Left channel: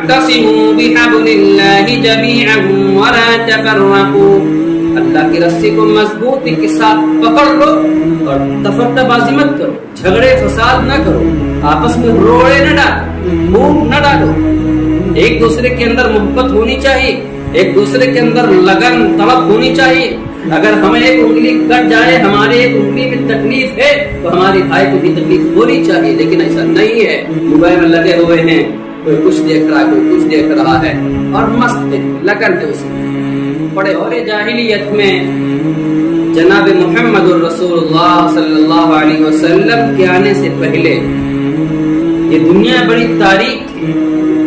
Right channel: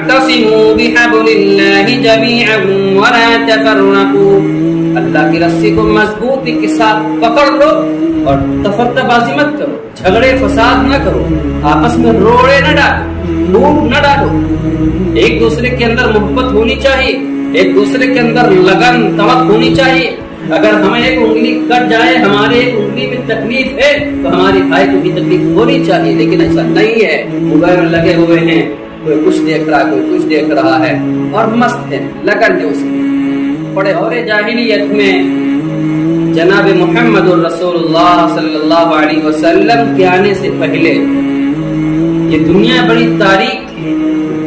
واعتصموا بحبل اللہ جميعا ولا تفرقوا، اللہ کی رسی کو مضبوطی کے ساتھ پکڑ لو اور تفرقہ بازی مت کرو، جھگڑے فساد نہ کرو، آپس میں روڑے نہ ڈالو، پھوٹ نہ ڈالو، ایک دوسرے کے اندر محبت ہونی چاہیے، ایک دوسرے کے اندر لگن تڑپ ہونی چاہیے۔ اگر ہمیں ایک انگلی کٹ جائے، ہمارے ایک انگلی میں تکلیف ہے، تو ہماری بھائی کو بھی تکلیف ہونی چاہیے، لیکن ایسا نہیں ہے۔ موبائل میں لگے ہوئے ہیں، کوئی کچھ دیکھ رہا ہے، کوئی کچھ دیکھ رہا ہے اور مست ہے، لگن ہے اس کی۔ بڑے دور جاہلیت میں جناب محمد الرسول اللہ صلی اللہ علیہ وسلم کے آنے سے پہلے یہ دنیا بڑی تاریک تھی،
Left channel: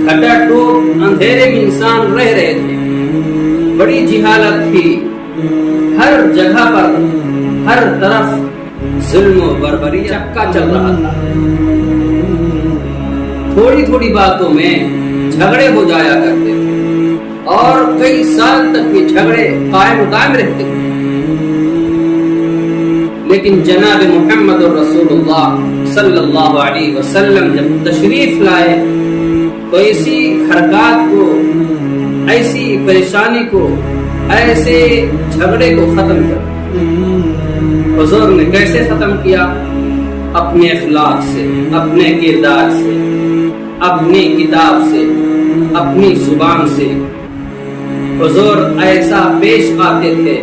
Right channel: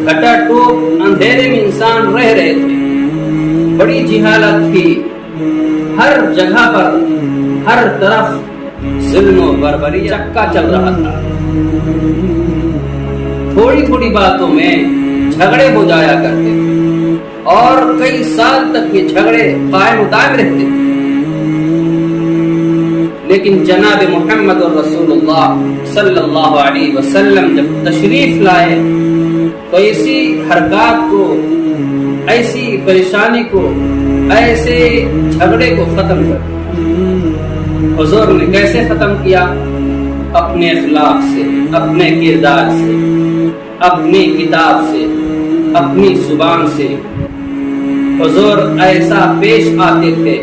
گھٹا ٹوپ اندھیرے میں انسان رہ رہے تھے، بڑی جہالت تھی، ہر جگہ پر ہر طرف ظلم و بربری چکا چل رہا تھا، تھوڑی تھوڑی باتوں میں جھگڑے ہو جایا کرتے تھے اور کئی سال تک یہ جھگڑے قائم و دائم رہتے تھے۔ لیکن جناب محمد الرسول اللہ صلی اللہ علیہ وسلم جب تشریف لائے تو ایسی حرکات کو، ایسی پریشانی کو، ایسے جھگڑے کو ختم کر حضور نے کیسے ختم کیا؟ اپنے اخلاق سے، اپنے کردار سے، اپنی کتاب سے، اپنی زبان سے۔ حضور ایسا پیش آتے تھے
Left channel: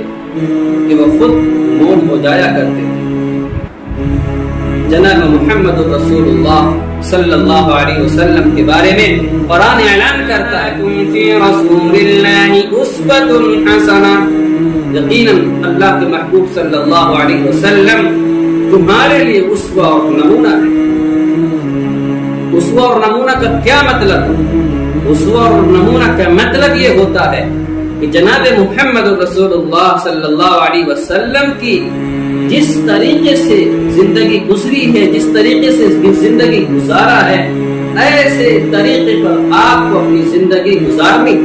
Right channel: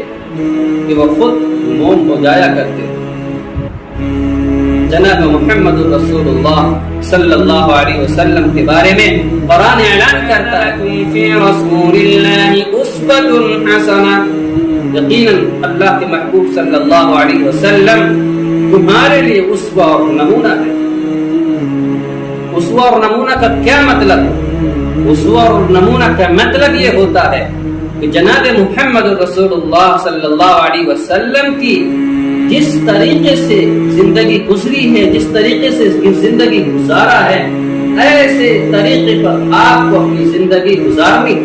کہ وہ خود موم ہو جایا کرتے تھے۔ جناب محمد الرسول اللہ صلی اللہ علیہ وسلم کے بارے میں قرآن اعلان کرتا ہے تم فی رسول اللہ اسوۃ حسنہ، یقیناً اللہ کے محبوب صلی اللہ علیہ وسلم تمہارے لیے اسوہ اور نمونہ ہے۔ اسوہ اور نمونہ کا کیا مطلب؟ اسوہ اور نمونہ کا مطلب یہ ہوتا ہے کہ جناب محمد الرسول اللہ صلی اللہ علیہ وسلم کی جس طریقے سے زندگی گزری ہے، جس طریقے سے زندگی گزارا ہے، ایسے طریقے پر آپ کو اپنی زندگی گزارنی۔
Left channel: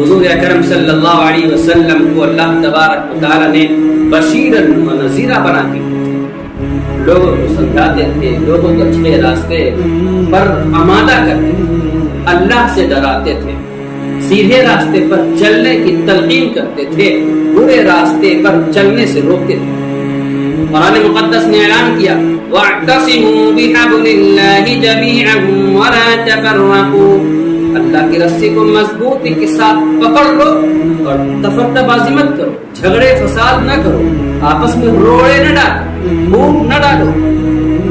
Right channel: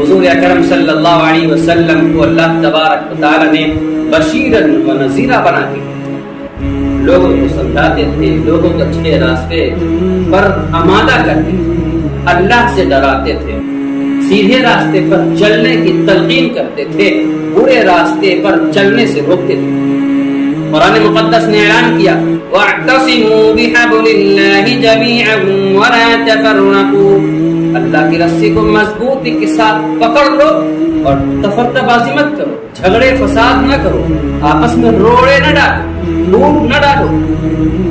حضور اکرم صلی اللہ علیہ وسلم کو اللہ تبارک و تعالی نے بشیرن و نذیرہ بنا کے لوگوں کو سمجھاتے تھے، لوگوں کو اچھے راستے پر آمادہ کرتے تھے، اللہ سے ڈراتے تھے، سیدھے راستے پر چلنے کی تلقین کرتے تھے، برے راستے پر چلنے سے روکتے تھے۔ قرآن مقدس نے اعلان کیا وَاعْتَصِمُوا بِحَبْلِ اللَّهِ جَمِيعًا وَلَا تَفَرَّقُوا، اللہ کی رسی کو مضبوطی کے ساتھ پکڑ لو اور تفرقہ بازی مت کرو، جھگڑے فساد نہ کرو، آپس میں روڑے نہ ڈالو، پھوٹ نہ ڈالو،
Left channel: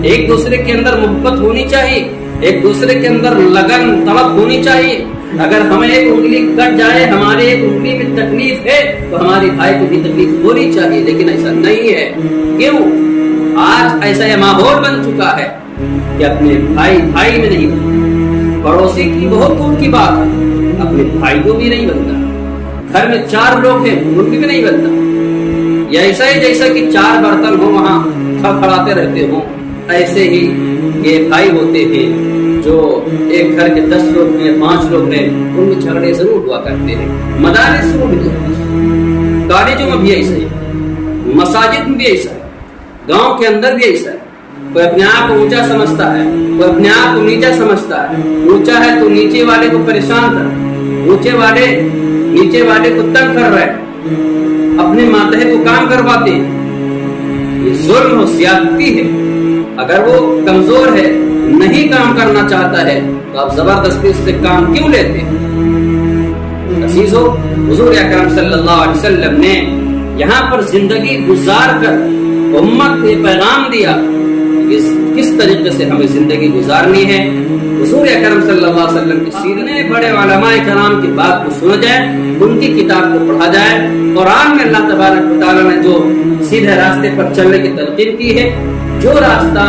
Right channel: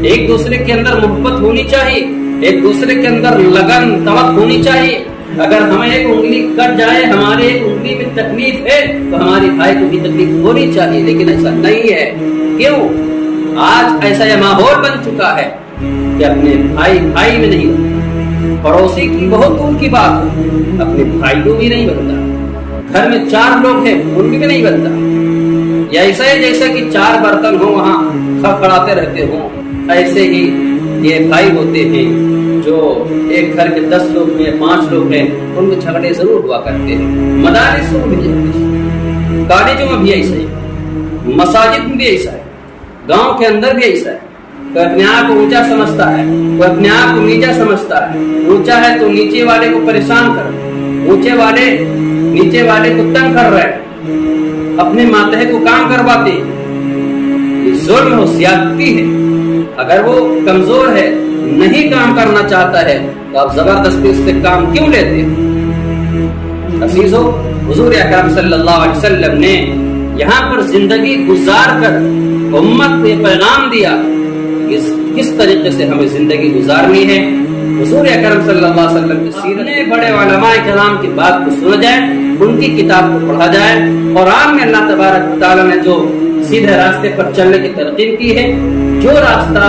ایک دوسرے کے اندر محبت ہونی چاہیے، ایک دوسرے کے اندر لگن تڑپ ہونی چاہیے۔ اگر ہمیں ایک انگلی کٹ جائے، ہمارے ایک انگلی میں تکلیف ہے، تو ہماری بھائی کو بھی تکلیف ہونی چاہیے، لیکن ایسا نہیں ہے۔ کیوں؟ آج ایسا یہ ماحول بن چکا ہے کہ اپنے بھائی بھائی میں نہیں بنتا، پڑوسی کی بہت دور کی بات ہے، اپنے بھائی کو بھی نہیں بنتا، گھر میں 4 لوگ ہیں ان بھی نہیں بنتا، یا ایسا ہے جیسا کہ 4 برتن ہوں وہاں کھڑکھڑاتے رہتے ہوں، ایسے ہی یہ بھائی ہوتے ہیں جو ایک گھر کے 10 لوگ ہیں، 5 لوگ ہیں، ان میں جھگڑے ضرور ہوا کرتے ہیں۔ مدارس میں بھی جھگڑے، کالجوں میں بھی ایسا ہے، مساجد میں بھی ایسا ہے، گاؤں کے اندر بھی ایسا ہے۔ کوئی اپنے آپ کو اونچا سمجھتا ہے، کوئی اپنے آپ کو نیچا سمجھتا ہے، اونچا ہے تو نیچے والے کو پریشان کر رہے، اونچے والے نیچے والے کو تنگ کر رہے، اپنے ماتحت کو کام کرواتے ہیں۔ یہ ظلم و زیادتی ہے۔ اگر وہ کمزور ہے، نہیں کام کرنا چاہتا ہے، تو آپ زبردستی اس سے کام کیوں لیتے ہیں؟ عزیزو، حضور اکرم صلی اللہ علیہ وسلم نے یہاں پر زندگی گزار کر امت کو یہ پیغام دیا کہ کس طریقے سے ہمیں زندگی گزارنی ہے۔ حضور اکرم صلی اللہ علیہ وسلم کی سیرت، بڑے علماء کرام کی بات کو سنا جائے، ان کی کتاب کو پڑھا جائے۔ قرآن میں اللہ تبارک و تعالی نے جو سیدھے راستے پر چلنے کی تلقین کی ہے، جو راستہ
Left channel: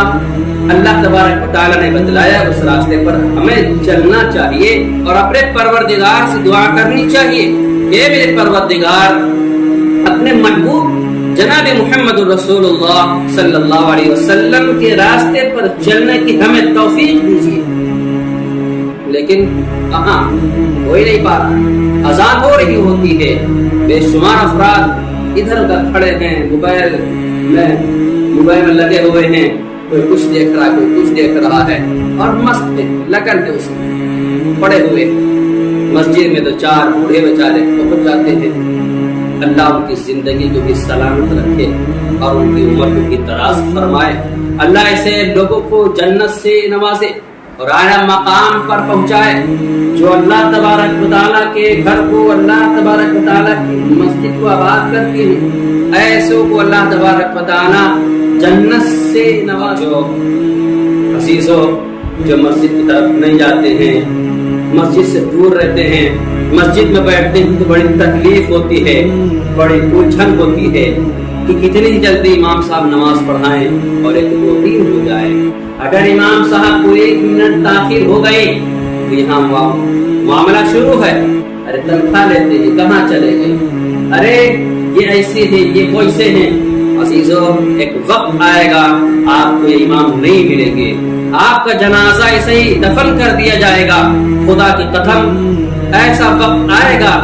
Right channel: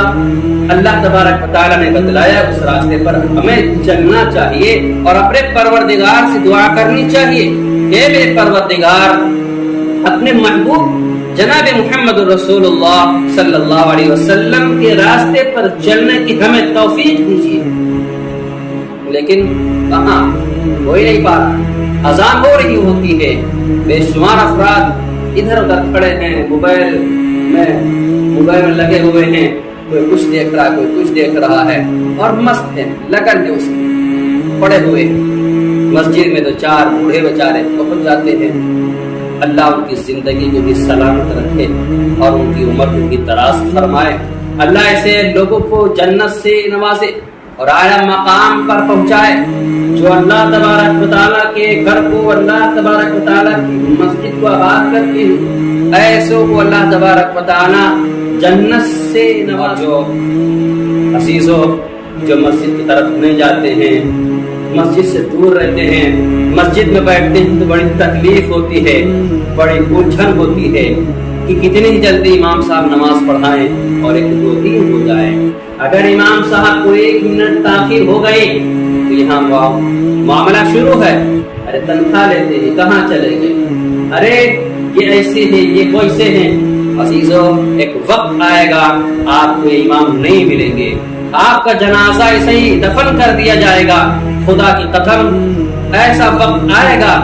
اللہ تبارک و تعالی نے بتلایا، اس راستے پر ہمیں چلنا چاہیے اور اپنے پروردگار سے دعا کرنی چاہیے کہ میرے پروردگار اپنے محبوب جناب محمد الرسول اللہ صلی اللہ علیہ وسلم کے راستے پر چلنے کی ہمیں توفیق دیجیے۔ لیکن کہاں، کوئی نہیں پا رہا۔ اذان ہو رہی ہوتی ہے، بے شمار افراد ادھر ادھر کھڑے ہیں، موبائل میں لگے ہوئے ہیں، کوئی کچھ دیکھ رہا ہے، کوئی کچھ دیکھ رہا ہے۔ اور مست ہیں، لگن ہے اس میں پڑے ہوئے، مسجد میں تو 4 بوڑھے بیچارے پہنچ جاتے ہیں۔ اللہ ان کی زندگی کو بھی سلامت رکھے اور ان کی عمر کو بھی دراز فرمائے۔ اللہ ایسے لوگوں کو جنت سے نوازے اور اعلیٰ مقام پر پہنچائے جو اللہ تبارک و تعالیٰ کے گھر کو، اللہ تبارک و تعالیٰ کی مسجد کو آباد کرتے ہیں، ایسوں کو اللہ تبارک و تعالیٰ جنت سے نوازے۔ جو عزیزوں جو مسجد کی طرف نہیں جاتے ہیں، مسجد سے دور رہتے ہیں، مسجد میں بیٹھتے ہیں تو بڑی تکلیف ہوتی ہے، بڑی الجھن ہوتی ہے کہ کتنی جلدی امام صاحب نماز پڑھائیں اور ایک روٹین ہو جائے۔ اگر امام صاحب کو 1 منٹ تاخیر ہو گئی تو یہاں معاملہ شروع ہے، ارے تنخواہ لیتے ہیں کہاں چلے گئے، ارے یہ ایسے ہیں یہ ویسے ہیں۔ عزیزوں ایک وقت آئے گا آپ کو یہ امام نہیں ملیں گے، آپ کا جنازہ ایسے ہی دفن کر دیا جائے گا۔ خدا کی قسم ایسا وقت آئے گا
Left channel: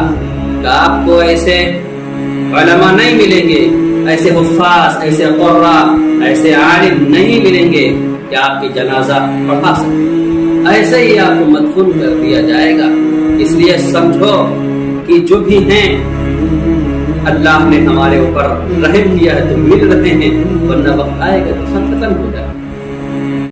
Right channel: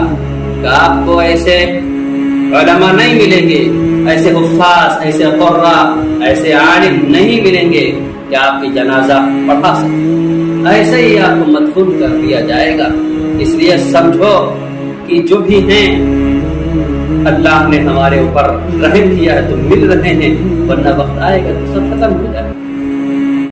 کہ آپ کو ایسے علماء نہیں ملیں گے، ایسے حفاظ، ایسے قراء، ایسے عالم نہیں ملیں گے کہ آپ کی جنازہ پڑھا سکیں، ایسے ہی آپ کو مدفون کر دیا جائے گا۔ اس لیے سمجھو کہ جو بھی ہیں اللہ نے ہمارے اوپر رحم کیا ہے تو مل رہے ہیں، ورنہ وقت آئے گا تو سب ختم ہو جائے گا۔